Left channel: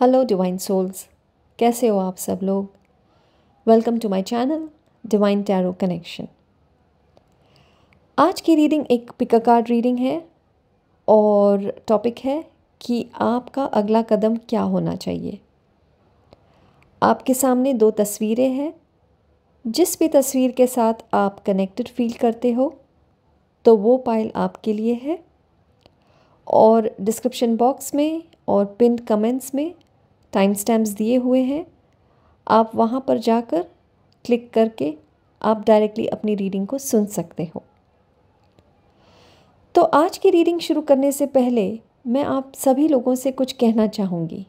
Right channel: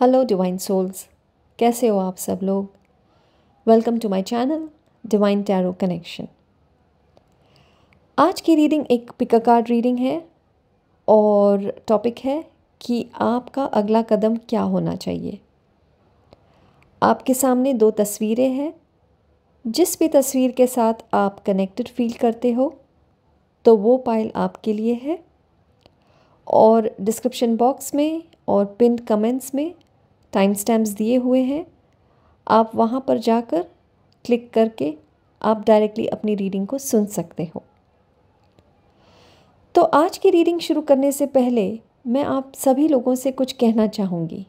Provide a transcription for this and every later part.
Hello divine souls, कैसे हो आप सब लोग। Welcome to my channel divine tarot connection. आज की रीडिंग एक पिक अ कार्ड रीडिंग है और टॉपिक है कि आपका अगला कदम क्या होना चाहिए। आपके सामने दो तस्वीरें हैं। जिस भी तस्वीर के साथ आप कनेक्टेड फील करते हो तो वो पाइल आपके लिए है। और डिस्क्रिप्शन बॉक्स में और पिन कमेंट्स में टाइम स्टैम्प्स दिए हुए हैं। आप वहाँ पर जाकर क्लिक करके आप डायरेक्टली अपनी रीडिंग को सुन सकते हो। तो आज की रीडिंग शुरू करने से पहले मैं आप सभी लोगों से कुछ कहना चाहूँगी।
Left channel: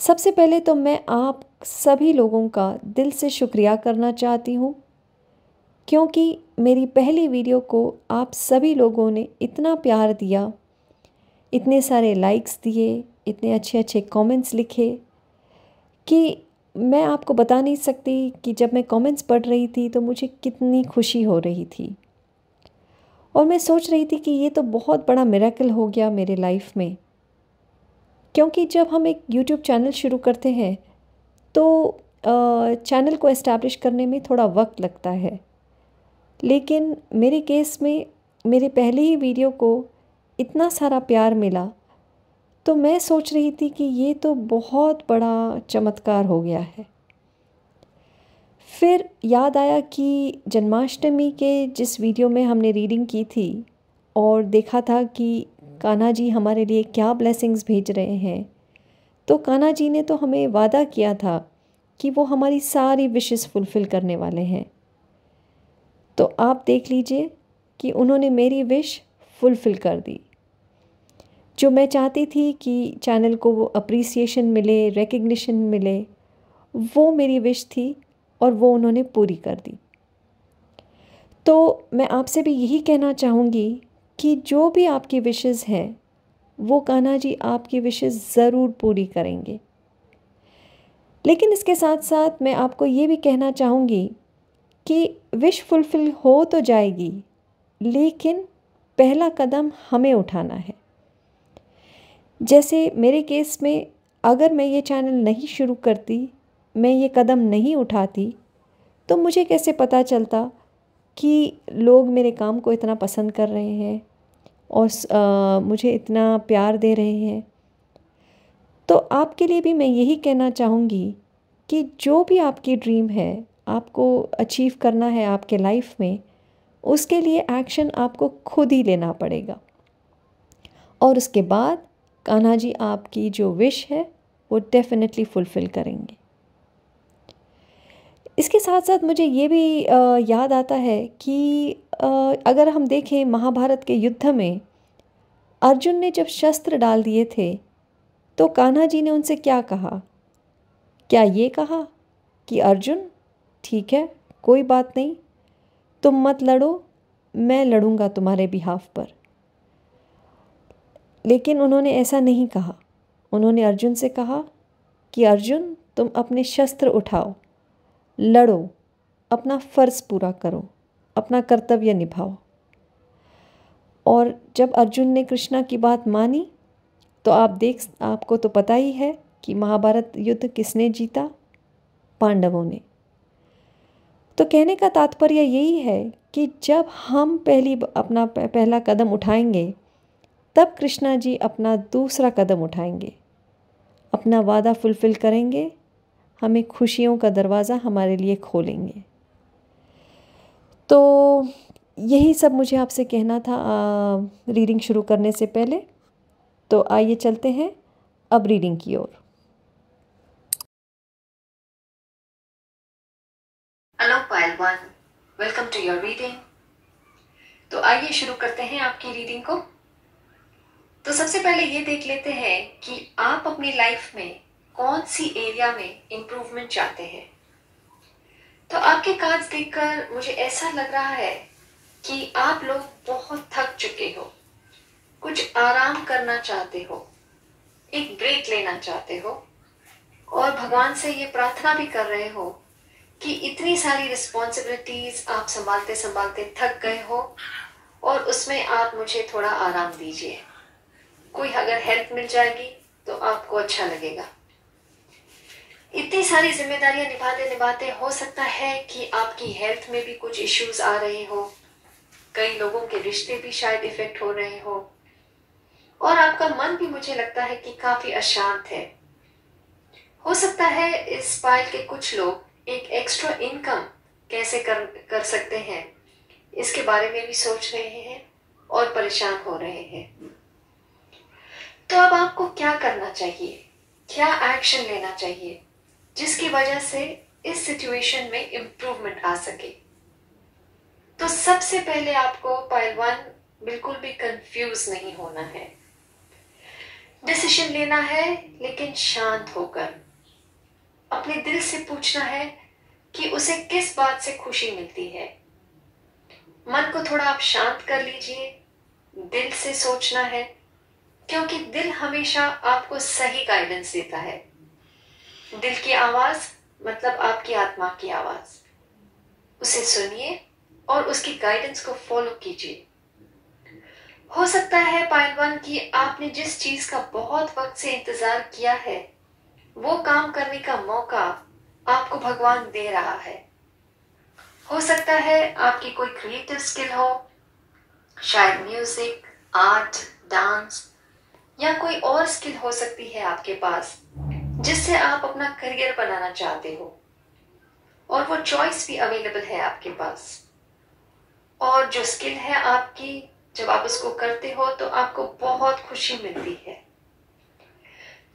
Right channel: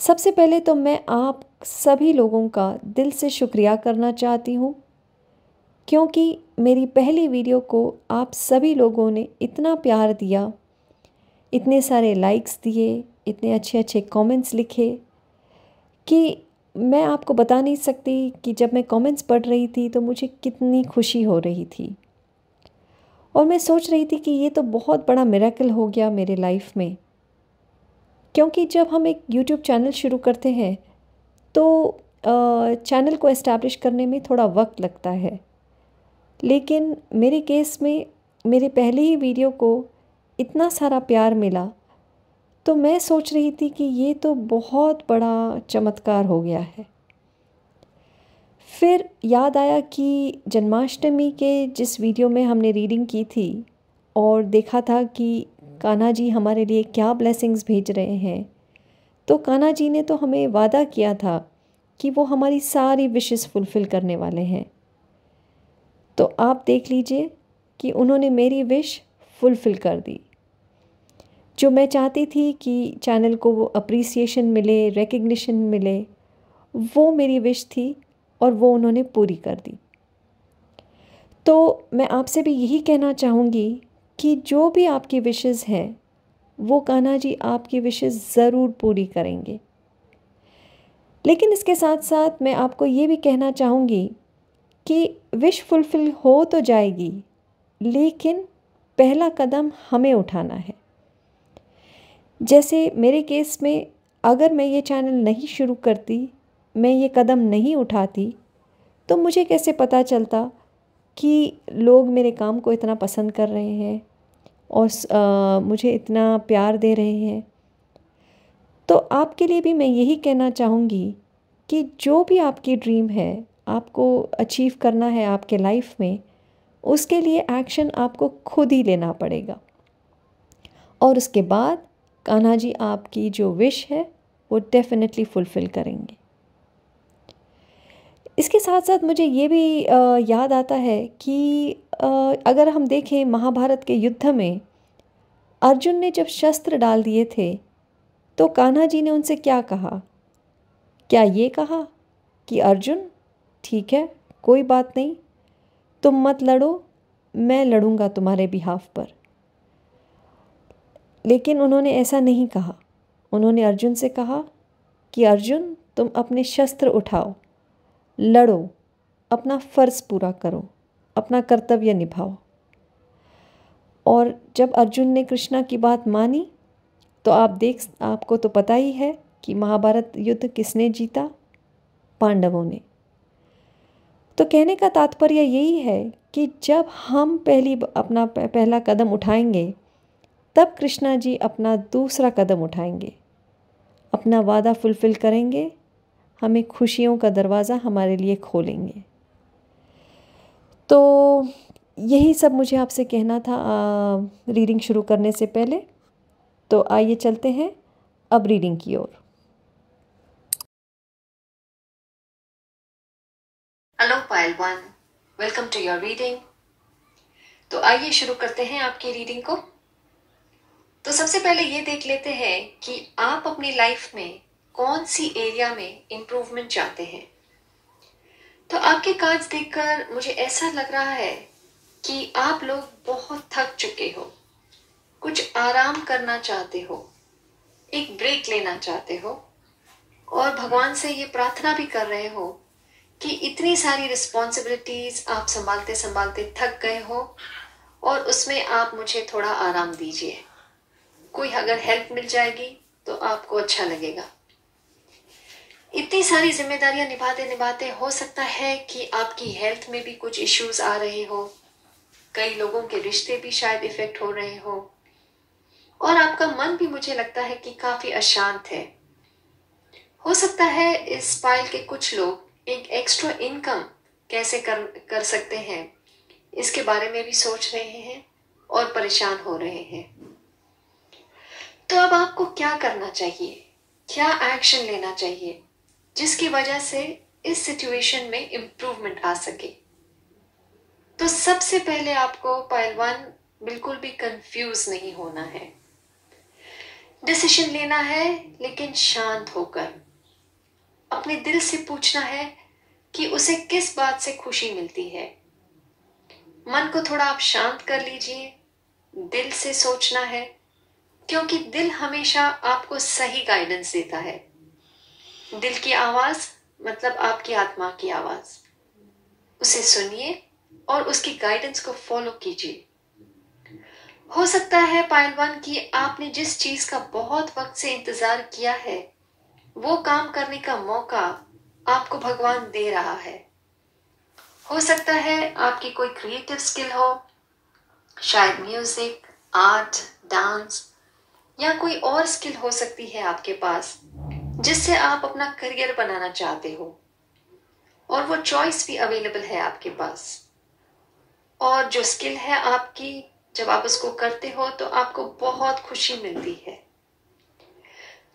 सबसे पहले तो मैं आप सभी लोगों का दिल से शुक्रिया करना चाहती हूँ, क्योंकि मेरी पहली वीडियो को आप सभी लोगों ने इतना प्यार दिया, इतने सारे लाइक्स दिए, इतने अच्छे अच्छे कमेंट्स लिखे कि मैं आपको बता नहीं सकती कि जब मैं कमेंट्स पढ़ रही थी तो मुझे कितनी खुशी हो रही थी। और मैं सोच रही थी कि ये तो बहुत बड़ा मिरेकल हो गया मेरे लाइफ में, क्योंकि जब हम एक यूट्यूब चैनल शुरू करते हैं तो चैनल को एस्टैब्लिश करने में थोड़ा वक्त लगता है। लेकिन मेरे केस में मेरे पहले ही वीडियो को इतना सारा प्यार मिला, तो मैं सोच रही थी कि ये तो बहुत बड़ा चमत्कार हो गया है। फिर याद आया कि जन्माष्टमी के जिस वीडियो में हमने रीडिंग की थी और देखा था कि कान्हा जी हमारे लिए क्या ब्लेसिंग्स भेज रहे हैं, तो कान्हा जी ने तो हमें वादा किया था कि वो हमारी सारी विशेस फुलफ़िल करने वाले हैं। तो आप देख लीजिए कि उन्होंने मेरी विश फुलफ़िल कर दी। जो मैं चाहती थी कि चैनल को वो अप्रिसिएशन मिले, रिकग्निशन मिले, वो मेरी विश थी और वो उन्होंने पूरी कर दी। तो मैं आपसे भी यही कहना चाहूँगी कि जो भी आपकी विशेस हैं वो कान्हा जी आपकी विशेस ज़रूर पूरी करेंगे। लेकिन इसके साथ साथ मैं आपको ये भी कहना चाहूँगी कि विश फुलफ़िल हो तो जाएगी, लेकिन पहला कदम हमें उठाना है। जैसे मेरे केस में अगर मैं ये चैनल नहीं शुरू करती, मैं ये कदम नहीं उठाती, तो मुझे कैसे पता चलता कि लोग मेरे काम को इतना पसंद कर रहे हैं और मुझे इतना प्यार दे रहे हैं। तो आपके लिए भी मैं यही कहना चाहूँगी कि जो भी आपकी ड्रीम है, आपको अचीव करना है आपके लाइफ में, उसके लिए एक्शन आपको खुद ही लेना पड़ेगा। और उसके बाद कान्हा जी आपकी जो विश है वो डेफिनेटली फुलफ़िल करेंगे। इसके साथ साथ मुझे ये भी याद आता है कि अगर हम देखें महाभारत के युद्ध में अर्जुन ने जब शस्त्र डाल दिए थे तो कान्हा जी ने उनसे क्या कहा? क्या ये कहा कि अर्जुन ठीक है, कोई बात नहीं, तुम मत लड़ो, मैं लड़ूंगा तुम्हारे बिहाफ पर। लेकिन उन्होंने ऐसा नहीं कहा। उन्होंने अर्जुन से कहा कि अर्जुन तुम अपने शस्त्र उठाओ, लड़ो, अपना फ़र्ज़ पूरा करो, अपना कर्तव्य निभाओ। और जब अर्जुन ने कृष्णा की बात मानी तो आपको तो पता ही है कि महाभारत युद्ध किसने जीता? पांडवों ने। तो कहने का तात्पर्य यही है कि जब हम अपना पहला कदम उठाएंगे, तब कृष्णा जी अपना दूसरा कदम उठाएंगे, अपना वादा फुलफ़िल करेंगे, हमें खुशियों का दरवाज़ा हमारे लिए खोलेंगे। तो यही सब मुझे आपसे कहना था रीडिंग शुरू करने से पहले। तो आइए चलते हैं अब रीडिंग की ओर। Hello Payal 1, welcome to your reading. तो आइए शुरू करते हैं आपकी रीडिंग को। तो सबसे पहले ये देख लेते हैं कि आप अपनी लाइफ में कौन सी एरिया में इम्प्रूवमेंट चाहते हैं। तो आपके कार्ड्स देखकर मुझे ऐसा लग रहा है कि आप लोग बहुत थक चुके हो, कुछ आराम करना चाहते हो, एक ब्रेक लेना चाहते हो और भगवान से ये प्रार्थना भी कर रहे हो कि इतनी सारी रिस्पॉन्सिबिलिटीज आप संभालते संभालते थक गए हो और उसमें आप मुझे थोड़ा आराम दीजिए। कोई अगर हेल्प मिल जाएगी तो आपको अच्छा लगेगा। इतनी सारी जिम्मेदारियां निभाते निभाते हो सकता है कि आपकी हेल्थ में भी कुछ इश्यूज आ रहे हो, कई लोगों के रिश्ते भी शायद इफेक्ट हो रहे हो, और आपका मन भी मुझे लगता है कि काफी अशांत है। हो सकता है इस पाइल के कुछ लोग एक एक्स्ट्रा इनकम कैसे कर सकते हैं इसके बारे में भी सोच रहे हैं और परेशान हो रहे हैं। तो अब आपको क्या करना चाहिए, क्या एक्शन लेना चाहिए जिसकी वजह से इस सिचुएशन में इंप्रूवमेंट आ सके? तो सबसे पहले आपको पाइल 1 बिल्कुल भी कंफ्यूज नहीं होना है। डिसीजन लेना है लेकिन शांत होकर। अपने दिल से पूछना है कि उसे किस बात से खुशी मिलती है। मन को थोड़ा आप शांत कर लीजिए, दिल से सोचना है, क्योंकि दिल हमेशा आपको सही गाइडेंस देता है। दिल की आवाज मतलब आपकी आत्मा की आवाज, उसे सुनिए और उसकी गाइडेंस को फॉलो कीजिए। हो सकता है पाइल 1 की आपने जिस चीज का बहुत वक्त से इंतजार किया है वो काम करने का मौका आपको भगवान दे रहा है। हो सकता है आपकी कोई क्रिएटिव स्किल हो, शायद म्यूजिक, आर्ट, डांस या कोई और स्किल हो सकती है आपके पास जिससे आप अपना करियर बनाना चाहते हो, और वो चॉइस भी अवेलेबल है आपके पास। और जो स्किल है आपकी, जब आप उसको करते हो तो आपको बहुत खुशी मिलती है।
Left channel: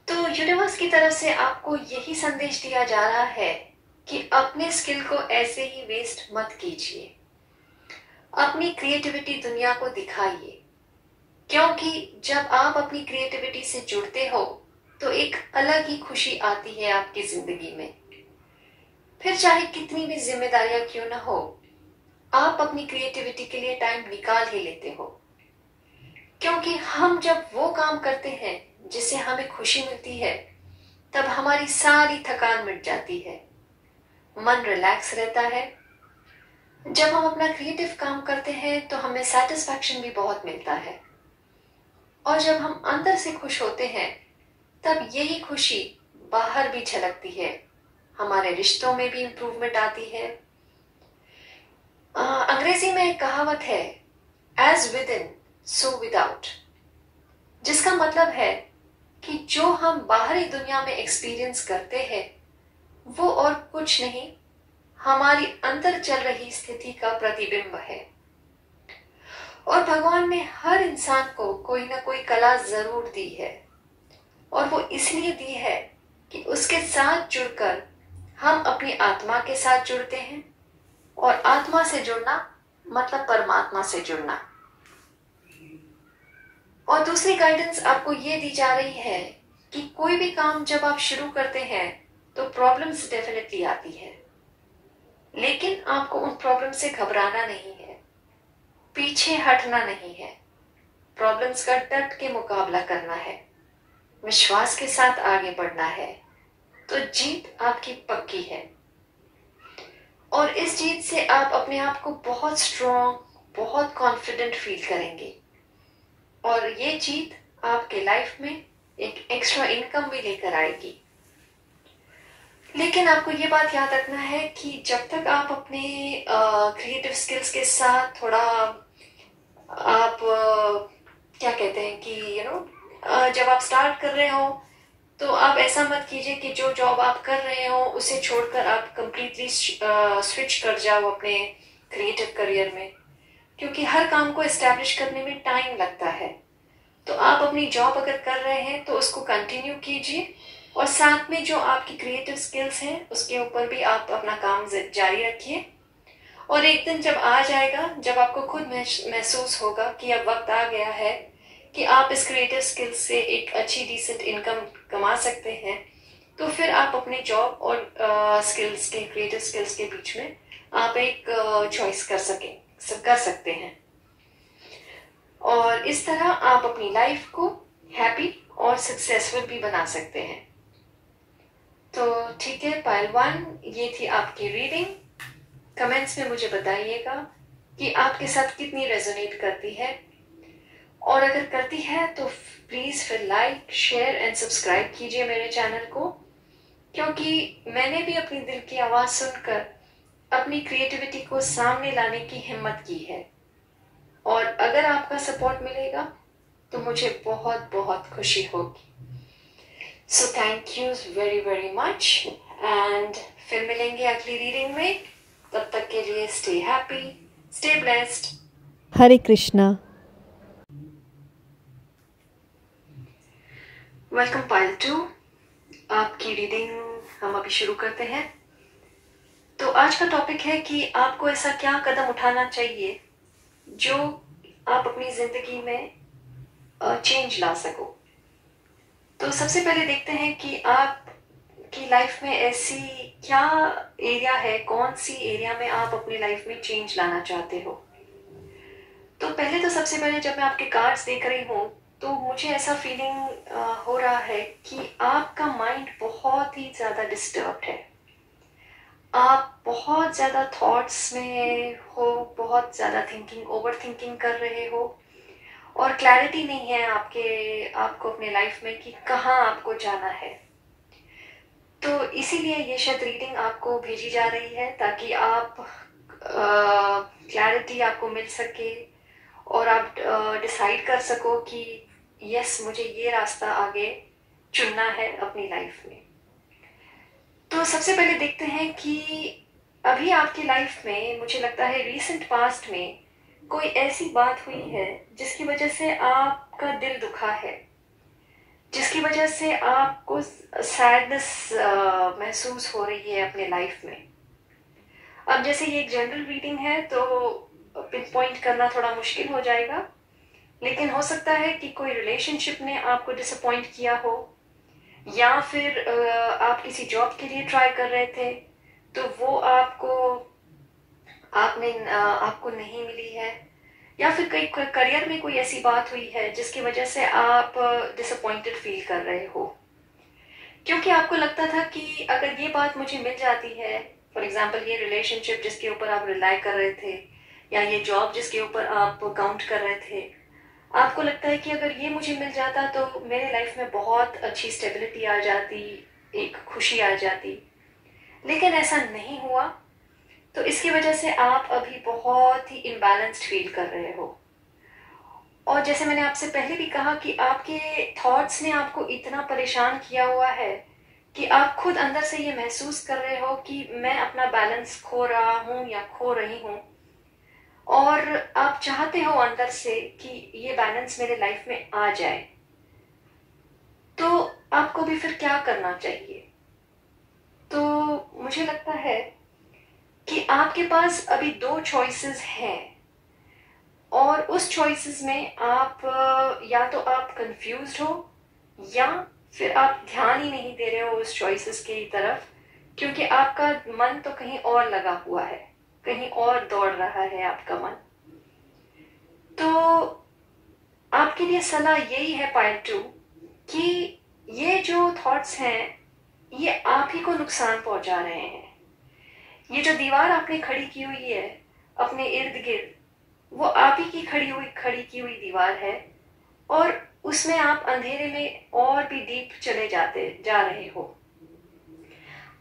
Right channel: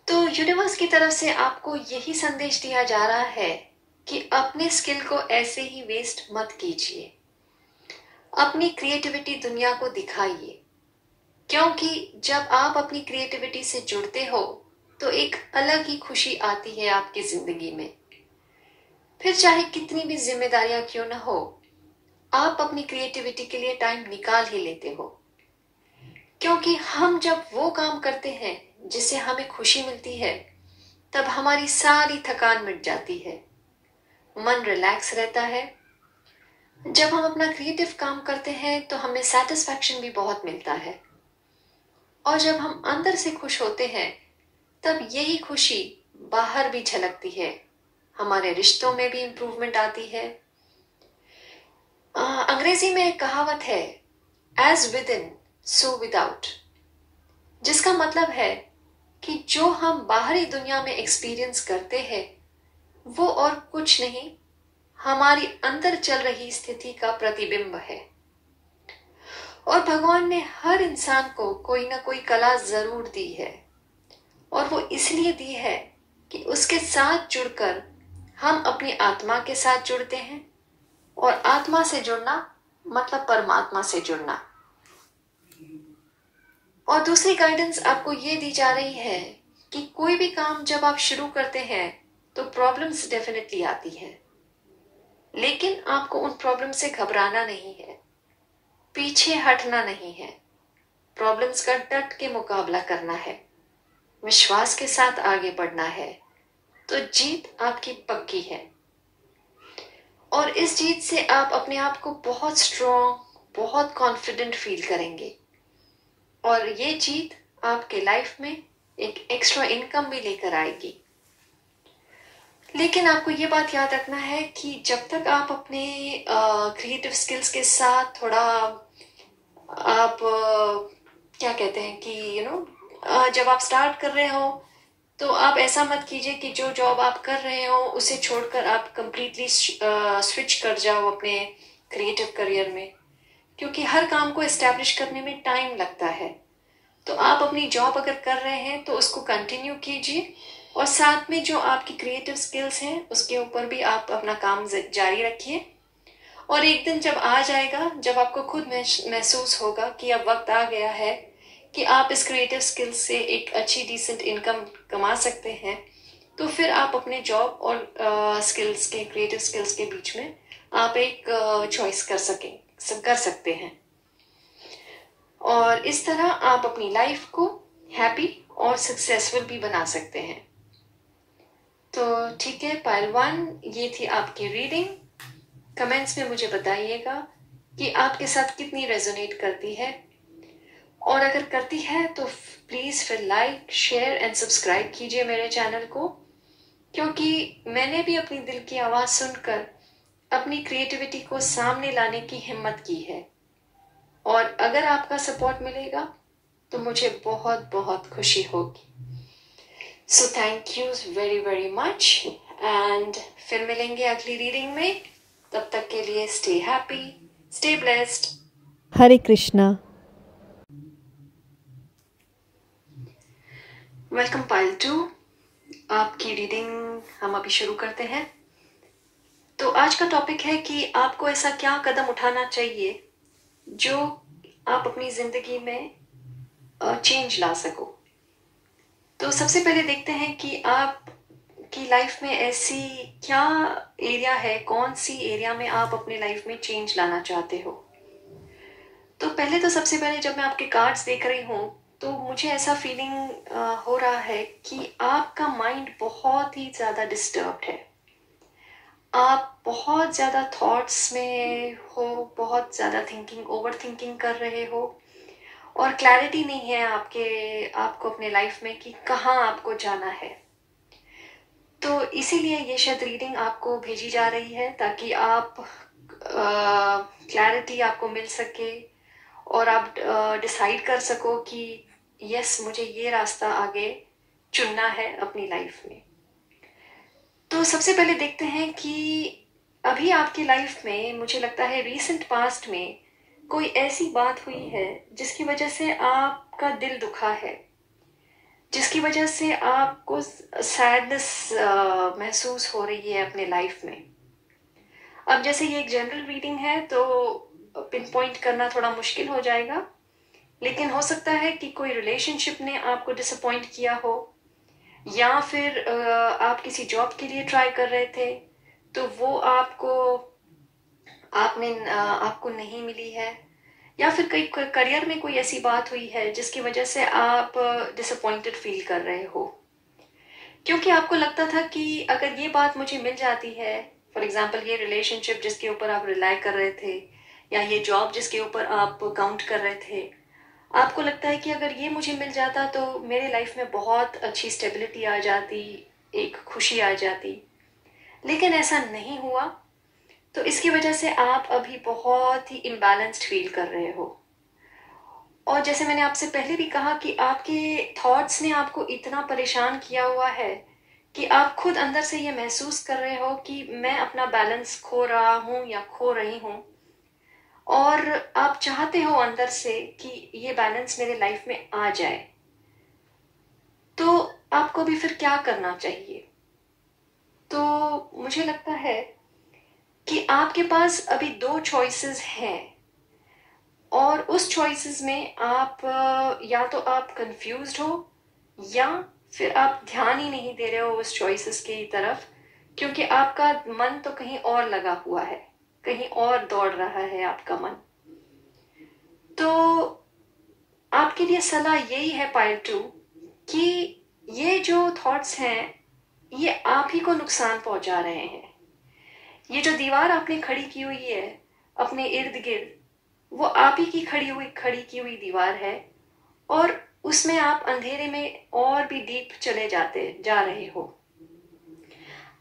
तो यूनिवर्स की तरफ से आपको यही संदेश दिया जा रहा है कि अपने स्किल को ऐसे ही वेस्ट मत कीजिए। अपनी क्रिएटिविटी दुनिया को दिखाइए, क्योंकि जब आप अपनी क्रिएटिविटी से जुड़ते हो तो एक अलग ही खुशी आती है आपकी जिंदगी में। फिर चाहे कितनी भी जिम्मेदारियां क्यों ना हो, आप अपनी क्रिएटिविटी के लिए टाइम निकाल ही लेते हो, क्योंकि हम जब वो काम करते हैं जिससे हमें खुशी मिलती है तब हमारी सारी थकान मिट जाती है, मन रिलैक्स रहता है। जब हम अपना क्रिएटिव काम करते हैं तो हमें सेटिस्फैक्शन भी बहुत मिलता है, और जब हम अंदर से खुश होते हैं तब यही खुशी बाहर भी झलकती है, हमारे रिश्तों में भी इंप्रूवमेंट आती है। अंग्रेजी में एक कहावत है, as within so without, जिसका मतलब है कि जो हम बाहरी दुनिया में एक्सपीरियंस करते हैं वो और कुछ नहीं, हमारी अंदर चल रही स्थिति का प्रतिबिंब है। और भगवान ने हर इंसान को कोई ना कोई कला जरूर दी है, और वो इसलिए दी है कि उसके साथ जुड़कर हम अपनी आत्मा के साथ जुड़ते हैं, और आत्मा से जुड़ना मतलब परमात्मा से जुड़ना। और दूसरी गाइडेंस आपको ये दी जा रही है कि कोई भी काम जब आप शुरू करते हैं तो प्रॉब्लम्स डेफिनेटली आती है, लेकिन आपको उन प्रॉब्लम से घबराना नहीं है, पीछे हटना नहीं है, प्रॉब्लम्स का डट के मुकाबला करना है, विश्वास के साथ आगे बढ़ना है, तो जीत आपकी पक्की है। और इस जीत से आप अपने आप को बहुत स्ट्रॉन्ग, बहुत कॉन्फिडेंट फील करेंगे, और ये जीत आपके लाइफ में एक एक्स्ट्रा इनकम भी लेकर आएगी। लेकिन आपको ये बात याद रखना है कि जब तक आप अपने क्रिएटिव स्किल्स के साथ थोड़ा आप क्या कहते हैं कि जब आप स्टार्ट कर रहे हो तो आप ऐसा मत कीजिए कि जो जॉब आप कर रहे हो उसे छोड़कर आप कंप्लीटली स्विच कर जाओ अपने क्रिएटिव करियर में, क्योंकि हर काम को एस्टैब्लिश करने में टाइम लगता है। तो आप अपनी जॉब अगर कर रहे हैं तो उसको कंटिन्यू कीजिए, और साथ में जो आपकी क्रिएटिव स्किल्स हैं उसके ऊपर भी आप अपना काम जारी रखिए। और एक दिन जब आ जाएगा, जब आपको खुद महसूस होगा कि अब वक्त आ गया है कि आप इस क्रिएटिव स्किल्स से एक अच्छी डिसेंट इनकम कमा सकते हैं, तो फिर आप अपने जॉब और स्किल्स के, क्रिएटिव स्किल्स के बीच में आप एक चॉइस कर सकते हैं, और इस तरह आप अपनी लाइफ को हैप्पी और सक्सेसफुल भी बना सकते हैं। तो ठीक है पाइल 1, ये थी आपकी रीडिंग। कमेंट्स में मुझे बताइएगा कि आपके साथ कितनी रेजोनेट करती है, और अगर करती है तो प्लीज़ फिर लाइक, शेयर एंड सब्सक्राइब कीजिए मेरे चैनल को, क्योंकि मैंने भी अपनी दिल की आवाज़ सुनकर अपनी क्रिएटिविटी को सामने लाने की हिम्मत की है। और अगर आपका सपोर्ट मिलेगा तो मुझे बहुत बहुत खुशी होगी। So thank you very very much and फिर मिलेंगे अगली रीडिंग में। तब तक के लिए स्टे हैप्पी, स्टे ब्लेस्ड। हरे कृष्णा। वेलकम पाइल 2, आपकी रीडिंग हम अभी शुरू करते हैं। तो आज का टॉपिक है कि आपको ऐसा क्या कदम उठाना चाहिए जो आप अपनी जिंदगी में चेंज ला सको। तो सबसे पहले देखते हैं कि आप की लाइफ में ऐसी क्या एरिया है, कौन सी एरिया में आप अपने लाइफ में चेंज लाना चाहते हो। तो पहले तो सबसे पहले जब मैं आपके कार्ड्स देख रही हूँ तो मुझे ऐसा फीलिंग हो रहा है कि आपका माइंड बहुत ही ज़्यादा डिस्टर्ब्ड है। आप बहुत ज़्यादा थॉट्स में हो, बहुत ज़्यादा थिंकिंग, ओवर थिंकिंग कर रहे हो और क्लैरिटी नहीं है आपको अपने लाइफ में कि कहाँ आपको जाना है। तो इसीलिए ये शायद रीडिंग आपको भेजी जा रही है ताकि आप क्लैरिटी आपको मिल सके और आप डिसाइड कर सको कि यस, मुझे ये रास्ता आगे चुनना है अपनी लाइफ में। तो सबसे पहले देखते हैं कि अभी आपकी लाइफ में, मुझे लगता है रीसेंट पास्ट में कोई ऐसी बात हुई है जिसकी वजह से आपका दिल दुखा है, जिसकी वजह से आपको सैडनेस महसूस हो रही है अपने लाइफ में। अब जैसे ये एक जनरल रीडिंग है तो पिन पॉइंट करना थोड़ा मुश्किल हो जाएगा, लेकिन हो सकता है कि कोई रिलेशनशिप ने आपको डिसअपॉइंट किया हो, या फिर आप किसी जॉब के लिए ट्राई कर रहे थे तो वो आपको नहीं मिली है, या फिर कई करियर में कोई ऐसी बात हुई है जिसकी वजह से आप डिसअपॉइंटेड फील कर रहे हो, क्योंकि आपको लगता था कि अगर ये बात मुझे मिल जाती है, फॉर एग्जाम्पल ये रिलेशनशिप जिसके ऊपर आप रिलाई कर रहे थे या ये जॉब जिसके ऊपर आप काउंट कर रहे थे, आपको लगता है कि अगर ये मुझे मिल जाता तो मेरे लाइफ में बहुत अच्छी स्टेबिलिटी आ जाती, एक खुशी आ जाती, लेकिन ऐसा नहीं हुआ। तो इसकी वजह से आप अभी बहुत ही इम्बैलेंस्ड फील कर रहे हो। और जैसे मैंने आपसे पहले भी कहा कि आपके थॉट्स ने आपको इतना परेशान किया हुआ है कि आप खुद अंदर से ये महसूस कर रहे हो कि मैं अपना बैलेंस खो रहा हूँ या खो रही हूँ, और आप चाहते हो अंदर से कि ये बैलेंस मेरे लाइफ में आ जाए। तो आपको भी फिर क्या करना चाहिए? तो मुझे लगता है कि आपके पास अभी 2 चॉइसेस हैं, और उस चॉइसेस में आप या तो आप कंफ्यूज्ड हो या फिर आप ध्यान ही नहीं दे रहे हो उस चॉइसेस की तरफ, क्योंकि आपका मन तो कहीं और लगा हुआ है, कहीं और दौड़ रहा है आपका मन। तो आपके लिए सलाह यही है पाइल 2 कि ये जो थॉट्स हैं ये आप ही को नुकसान पहुंचा रहे हैं। ये जो दीवार आपने खड़ी की हुई है अपने इर्द गिर्द, वो आप ही की खड़ी की हुई दीवार है, और उसमें आप अंधेरे में और भी डीप चले जा रहे हो।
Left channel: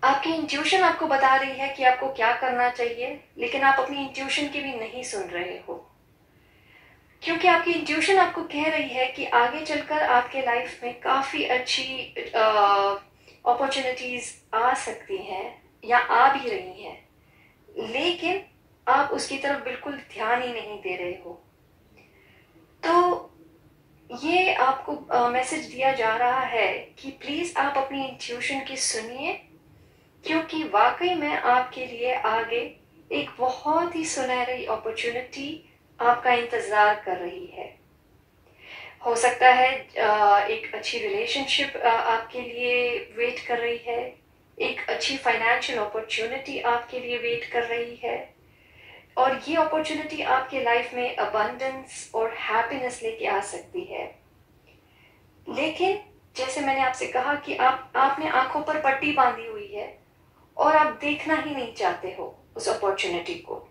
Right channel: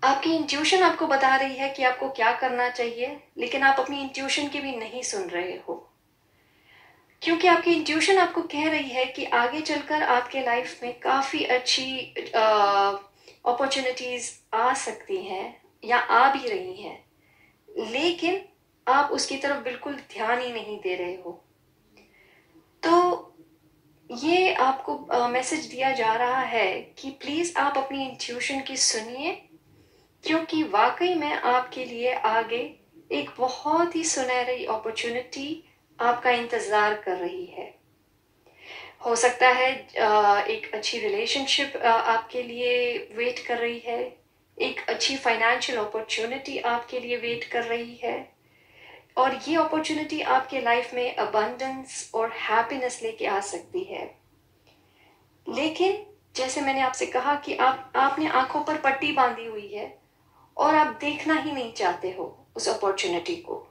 आपकी इंट्यूशन आपको बता रही है कि आपको क्या करना चाहिए, लेकिन आप अपनी इंट्यूशन की भी नहीं सुन रहे हो, क्योंकि आपकी इंट्यूशन आपको कह रही है कि आगे चलकर आपके लाइफ में काफी अच्छी अपॉर्चुनिटीज आ सकती हैं या आ भी रही हैं, लेकिन आप उसकी तरफ बिल्कुल ध्यान ही नहीं दे रहे हो। तो ये आपको मैसेज दिया जा रहा है कि प्लीज आप अपनी इंट्यूशन की सुनिए, क्योंकि वाकई में आपके लिए आगे एक बहुत ही सुनहरी अपॉर्चुनिटी आपका इंतजार कर रही है। हो सकता है एक अच्छी रिलेशनशिप आपके लिए वेट कर रही है, एक अच्छी फाइनेंशियल अपॉर्चुनिटी आपके लिए वेट कर रही है, और ये अपॉर्चुनिटी आपके लाइफ में अबंडेंस और हैप्पीनेस लेके आ सकती है। लेकिन जैसे मैंने आपसे कहा कि आपने आंखों पर पट्टी बांधी हुई है और आप देखना ही नहीं चाहते हो उस अपॉर्चुनिटी को।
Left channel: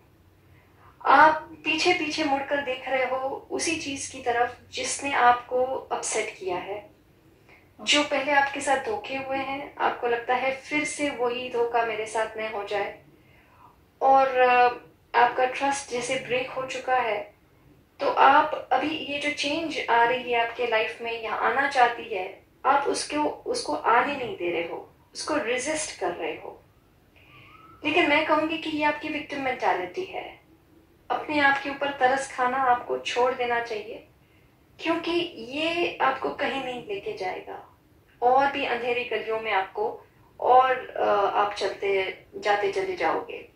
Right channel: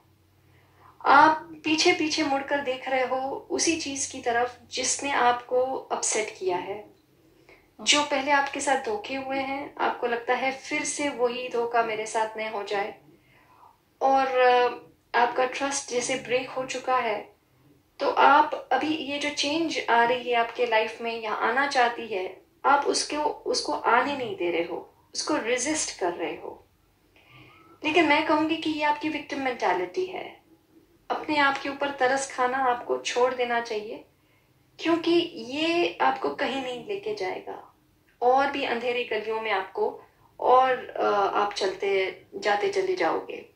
आप पीछे पीछे मुड़कर देख रहे हो उसी चीज की तरफ जिसने आपको अपसेट किया है, जो पहले आपके साथ धोखे हुए हैं। आपको लगता है फिर से वही धोखा मेरे साथ न हो जाए, और आपका ट्रस्ट जैसे ब्रेक हो चुका है। तो आप अभी ये जो चेंज आ रही है आपके लाइफ में या आना चाहती है, आप उसको आने नहीं दे रहे हो, उसको रेजिस्ट कर रहे हो। लेकिन मैं कहूंगी कि ये आपकी विक्टिम मेंटालिटी है। अपने आप के ऊपर तरस खाना आपको छोड़ देना चाहिए, क्योंकि ये आपको कहीं नहीं लेके जाएगा, और भी अंधेरी गलियों में आपको और आप चलते जाते चले जाओगे।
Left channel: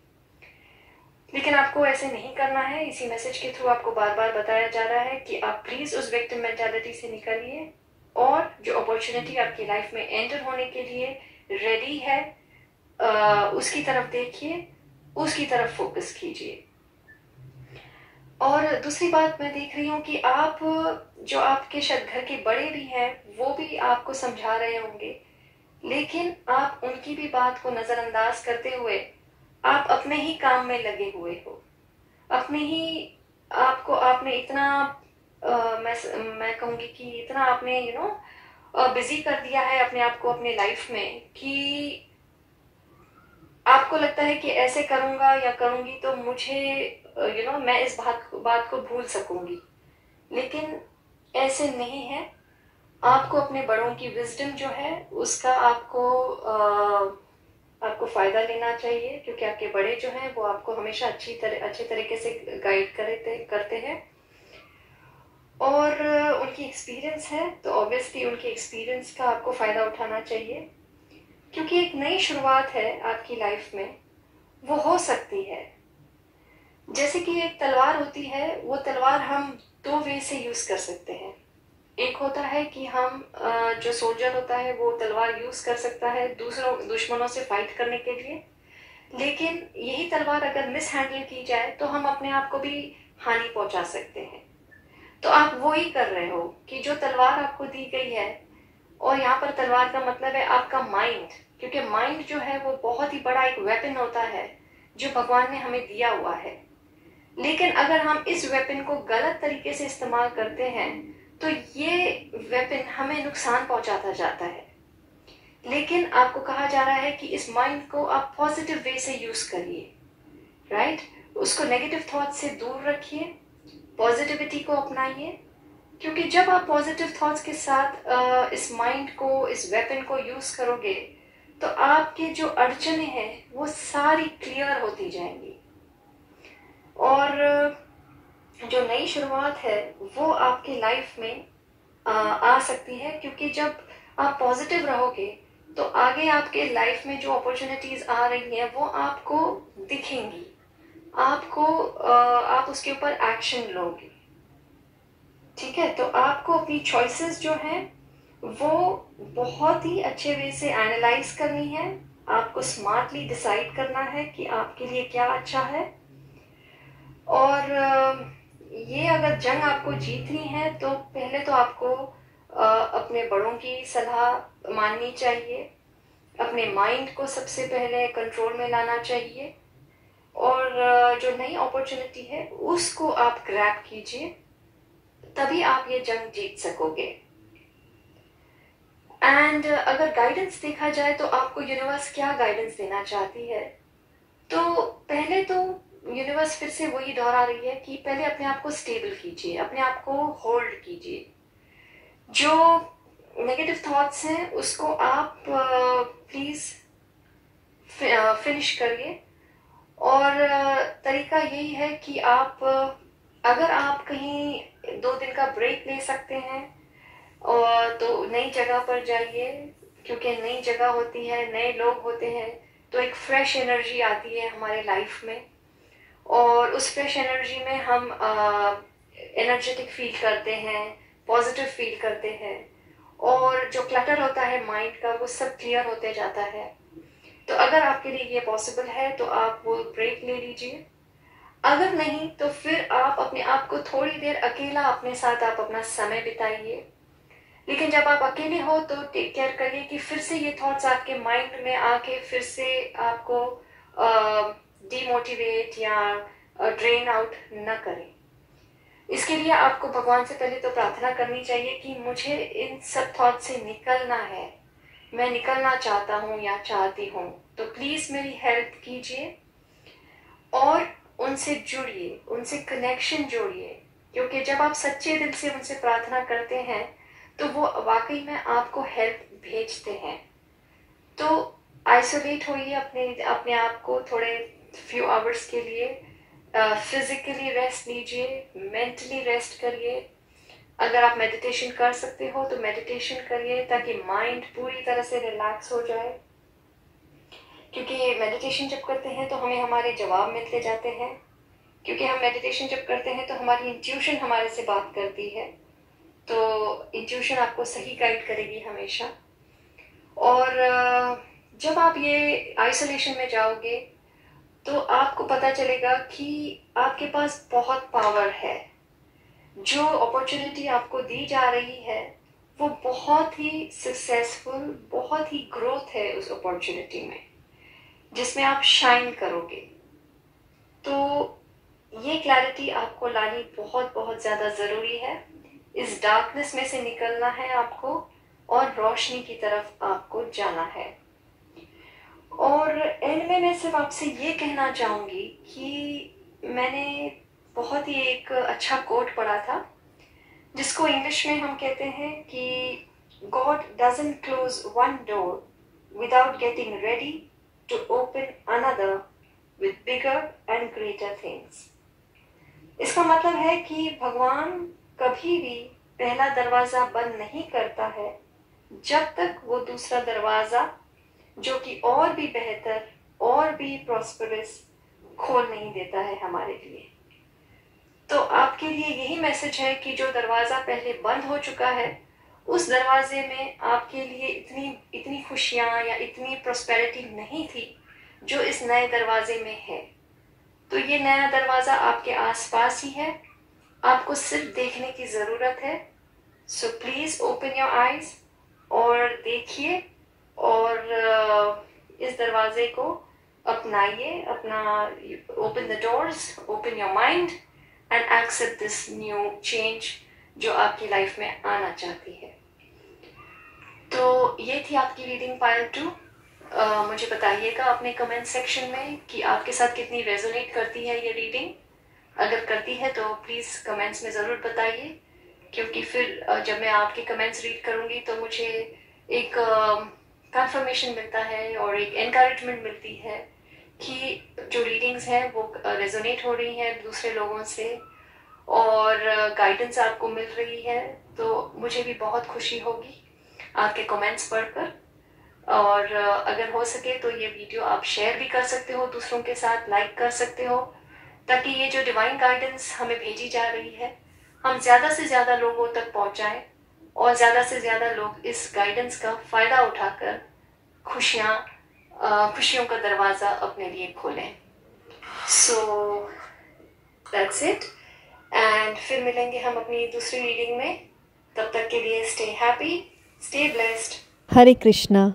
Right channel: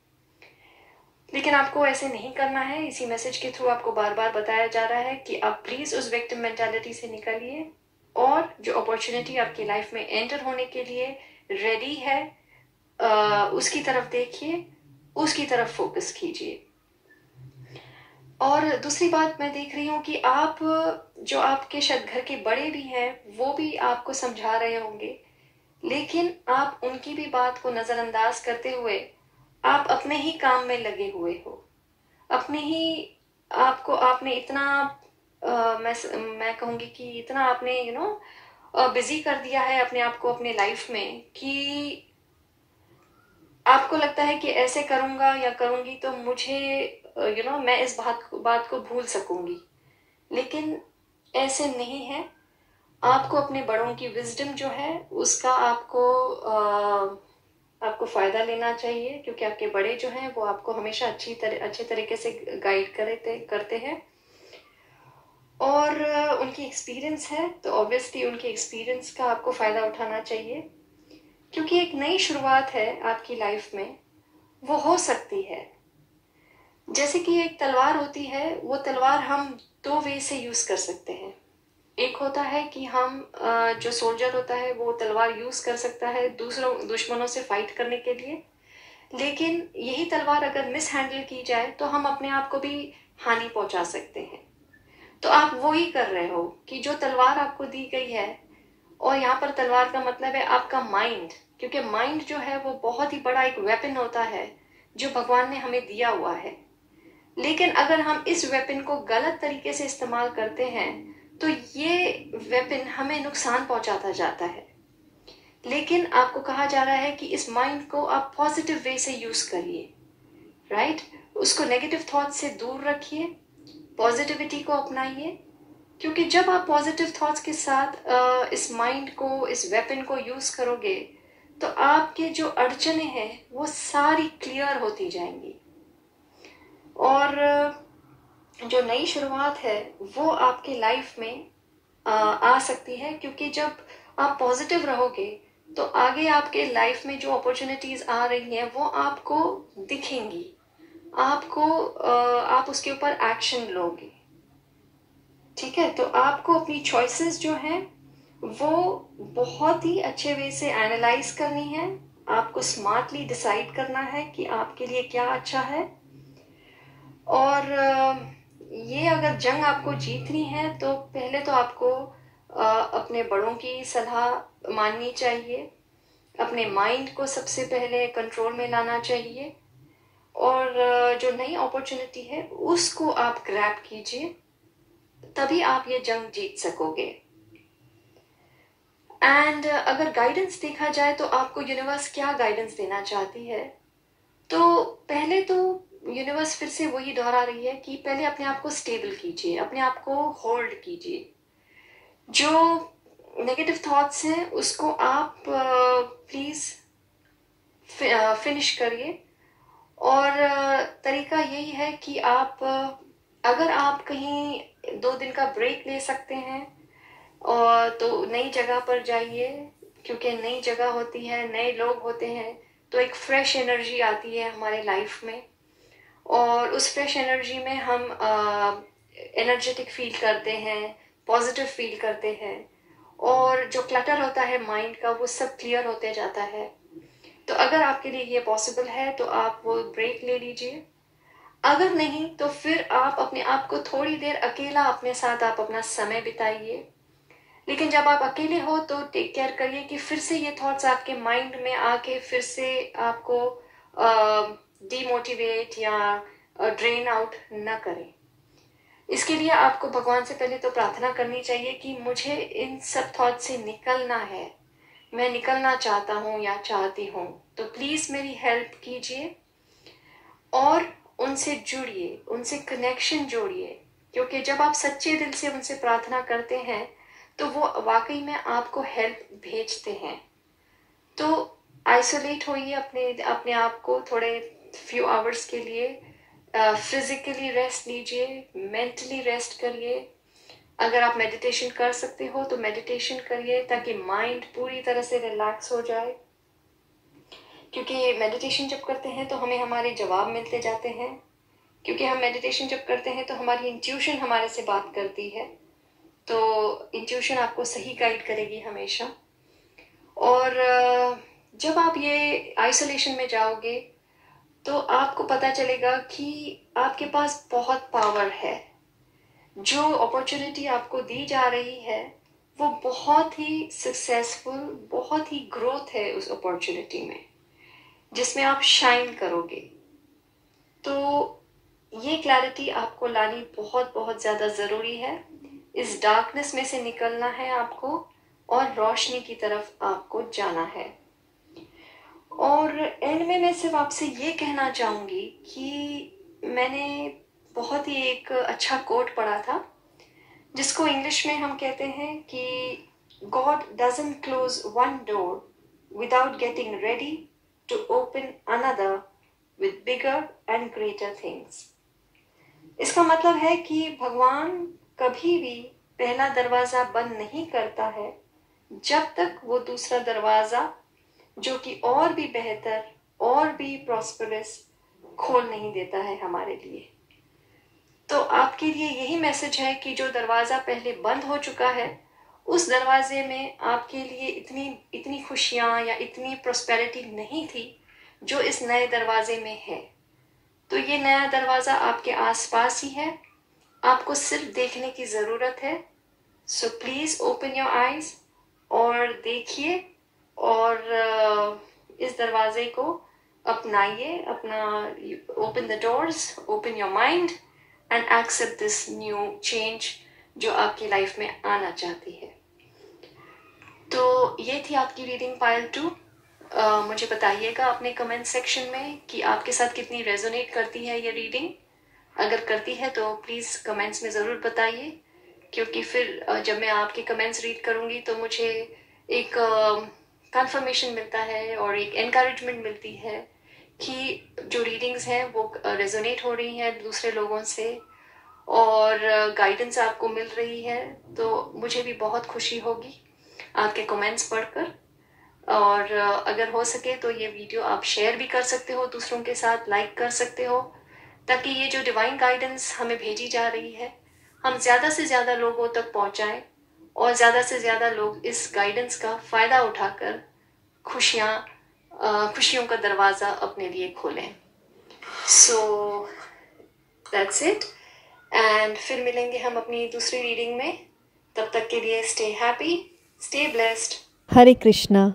लेकिन आपको ऐसे नहीं करना है। इसी मैसेज के थ्रू आपको बार बार बताया जा रहा है कि आप प्लीज उस विक्टिम मेंटालिटी से निकलिए, और जो अपॉर्चुनिटी आपकी लाइफ में एंटर होने के लिए रेडी है, उसकी तरफ देखिए, उसकी तरफ फोकस कीजिए। और दूसरी बात मैं देख रही हूँ कि आप, जो आपके शायद घर के बड़े भी हैं, वो भी आपको समझा रहे होंगे, लेकिन आप उनकी भी बात को नजरअंदाज करते हुए आप अपने ही काम में लगे हुए हो। अपने ही आपने इतना मैं कहूंगी कि इतना आपने बिजी कर दिया है अपने आप को अपने लाइफ में, कि आपको लगता है कि ऐसे करूंगा या करूंगी तो मुझे मैं इस बात को भूल सकूंगी। लेकिन ऐसे नहीं है। आपको अपने बड़ों की विजडम जो है उसका आपको फायदा लेना चाहिए, क्योंकि आपके बड़े जो हैं वो आपको हमेशा अच्छे तरीके से गाइड करते हैं, और उनकी एक्सपीरियंस है, तो ऑब्वियसली उनके एक्सपीरियंस का आपको फायदा उठाना चाहिए, क्योंकि एक नई शुरुआत है आपकी लाइफ में, वो हो सकती है। जैसे कि एक तलवार होती है, वो तलवार हम दो वे से यूज कर सकते हैं। एक होता है कि हम जो सोल्जर होता है वो तलवार यूज कर सकता है दूसरों दुश्मनों से फाइट करने के लिए, लेकिन यही तलवार अगर मिस हैंडल की जाए तो हम अपने आप को भी हानि पहुंचा सकते हैं। तो आप वो ही कर रहे हो कि जो तलवार आपको दी गई है, और यहाँ पर तलवार का मतलब है आपका माइंड, क्योंकि माइंड जो है वो बहुत ही बड़ा एक वेपन होता है जो भगवान ने हमें दिया हुआ है। लेकिन अगर हम इस वेपन को गलत तरीके से इस्तेमाल करते हैं तो ये वेपन हमें नुकसान पहुंचाता जाता है। लेकिन आपको कहा जा रहा है कि इस माइंड को आप पॉजिटिव वे से यूज करिए, राइट? उसको नेगेटिव थॉट से दूर रखिए, पॉजिटिविटी को अपनाइए, क्योंकि जब आप पॉजिटिव थॉट्स के साथ इस माइंड को, इस वेपन को यूज करोगे, तो आपके जो अड़चने हैं वो सारी क्लियर होती जाएंगी, और जो नई शुरुआत है वो आपकी लाइफ में आ सकती है। क्योंकि जब आप पॉजिटिव रहोगे तो आगे आपके लाइफ में जो अपॉर्चुनिटीज आ रही हैं वो आपको दिखेंगी, आप उसके ऊपर एक्शन लोगे, ठीक है? तो आपको अपनी चॉइसेस जो हैं वो बहुत ही अच्छे वे से एनालाइज करनी है, आपको स्मार्टली डिसाइड करना है कि आपके लिए क्या अच्छा है। और ये अगर जंग आपको जीतनी है तो पहले तो आपको अपने बड़ों की सलाह माननी चाहिए, अपने माइंड को सबसे पहले कंट्रोल में लाना चाहिए, और जो नई अपॉर्चुनिटी है उसको आप ग्रैब कीजिए, तभी आप ये जंग जीत सकोगे। एंड अगर गाइडेंस देखा जाए तो आपको यूनिवर्स क्या गाइडेंस देना चाहती है, तो पहले तो यूनिवर्स फिर से वही दोहरा रही है कि पहले अपने आप को स्टेबल कीजिए, अपने आप को होल्ड कीजिए। जो नेगेटिव थॉट्स हैं उसको आप प्लीज फिनिश करिए, और तरीका यही है कि आप अगर आप कहीं 2 दिन का ब्रेक ले सकते हैं, और तो नई जगह पर जाइए, क्योंकि नई जगह होती है, नए लोग होते हैं, तो एक फ्रेश एनर्जी आती है हमारे लाइफ में, और उस फ्रेश एनर्जी में हम एनर्जेटिक फील करते हैं, पॉजिटिव फील करते हैं, और जो क्लटर होता है माइंड का वो सब क्लियर होते जाता है। तो अगर आपके लिए ये पॉसिबल है तो आप वो ब्रेक ले लीजिए, अगर नहीं तो फिर आप अपने आप को थोड़ी देर अकेला अपने साथ आप अपना समय बिताइए। लेकिन जब आप अकेले हो तो टेक केयर करिए कि फिर से ये थॉट्स आपके माइंड में आके फिर से आपको डिमोटिवेट या ड्रेन आउट न करें। इसके लिए आपको भगवान से पहले तो प्रार्थना करनी चाहिए कि मुझे इन सब थॉट से निकलना है, मैं निकलना चाहता हूँ या चाहती हूँ, तो प्लीज मेरी हेल्प कीजिए और उनसे जुड़िए, उनसे कनेक्शन जोड़िए, क्योंकि जब आप सच्चे दिल से उनसे प्रार्थना करते हैं तो वो वाकई में आपको हेल्प भेजते हैं। तो आइसोलेट होइए अपने आप को थोड़े फ्यू आवर्स के लिए, फिजिकली रेस्ट लीजिए, मेंटली रेस्ट करिए। अगर आप मेडिटेशन कर सकते हो तो मेडिटेशन करिए ताकि माइंड पूरी तरह से रिलैक्स हो जाए, क्योंकि मेडिटेशन जब करते हैं तो हमें हमारे जवाब मिलते जाते हैं, क्योंकि हम मेडिटेशन जब करते हैं तो हमारी इंट्यूशन हमारे से बात करती है, तो इंट्यूशन आपको सही गाइड करेगी हमेशा। और जब आप ये आइसोलेशन में जाओगे तो आपको पता चलेगा कि आपके पास बहुत पावर है। जो अपॉर्चुनिटी आपको दी जा रही है वो बहुत ही सक्सेसफुल, बहुत ही ग्रोथ है उस अपॉर्चुनिटी में, जिसमें आप शाइन करोगे। तो ये क्लैरिटी आपको लानी बहुत बहुत ज्यादा जरूरी है। इस डार्कनेस में से निकलना है आपको और रोशनी की तरफ आपको जाना है। और एंड में मैं सिर्फ आपसे ये कहना चाहूंगी कि मैंने बहुत ही एक अच्छा कोट पढ़ा था, जिसको इंग्लिश में हम कहते हैं कि God doesn't close one door without getting ready to open another with bigger and greater things। इसका मतलब है कि भगवान कभी भी पहला दरवाजा बंद नहीं करता है जब तक वो दूसरा दरवाजा, जो कि और भी बेहतर और भी प्रॉस्परस, खोल नहीं देता है हमारे लिए। तो आपके लिए यही मैसेज है कि जो दरवाजा पहले बंद हो चुका है उस दरवाजे में आपके लिए इतनी खुशियां या इतनी प्रॉस्पेरिटी नहीं थी जो इस नए दरवाजे में है। तो ये नया दरवाजा आपके आसपास ही है, आपको सिर्फ देखने की जरूरत है। So please open your eyes और देखिए और इस दरवाजे को अपनाइए, अपना open the doors, open your mind and accept this new change जो आपकी लाइफ में आना चाहती है। तो ये थी आपकी रीडिंग पाइल 2। मुझे बताइएगा अपने कमेंट सेक्शन में कि आपके साथ कितनी रेजोनेट करती है ये रीडिंग। अगर करती है तो प्लीज कमेंट्स में जरूर बताइए, क्योंकि फिर जब मैं आपके कमेंट्स रीड करूंगी तो मुझे एक कंफर्मेशन मिलता है और एक एनकरेजमेंट मिलती है कि जो रीडिंग्स हैं वो रेजोनेट हो रही हैं दूसरे लोगों से और गाइडेंस आपको मिल रही है। तो मुझे भी बहुत खुशी होगी आपके कमेंट्स पढ़कर। और अगर हो सके तो ये वीडियो आप शेयर भी कर सकते हो दूसरों के साथ, लाइक कर सकते हो, ताकि ये जो डिवाइन गाइडेंस हमें भेजी जा रही है हम ज्यादा से ज्यादा लोगों तक पहुंचाएं और ज्यादा से ज्यादा लोग इस गाइडेंस का फायदा उठाकर खुशियों का दरवाजा अपने लिए खोलें। सो दैट्स इट, एंड फिर मिलेंगे हम अपनी दूसरी रीडिंग में। तब तक के लिए स्टे हैप्पी, स्टे ब्लेस्ड। हरे कृष्णा।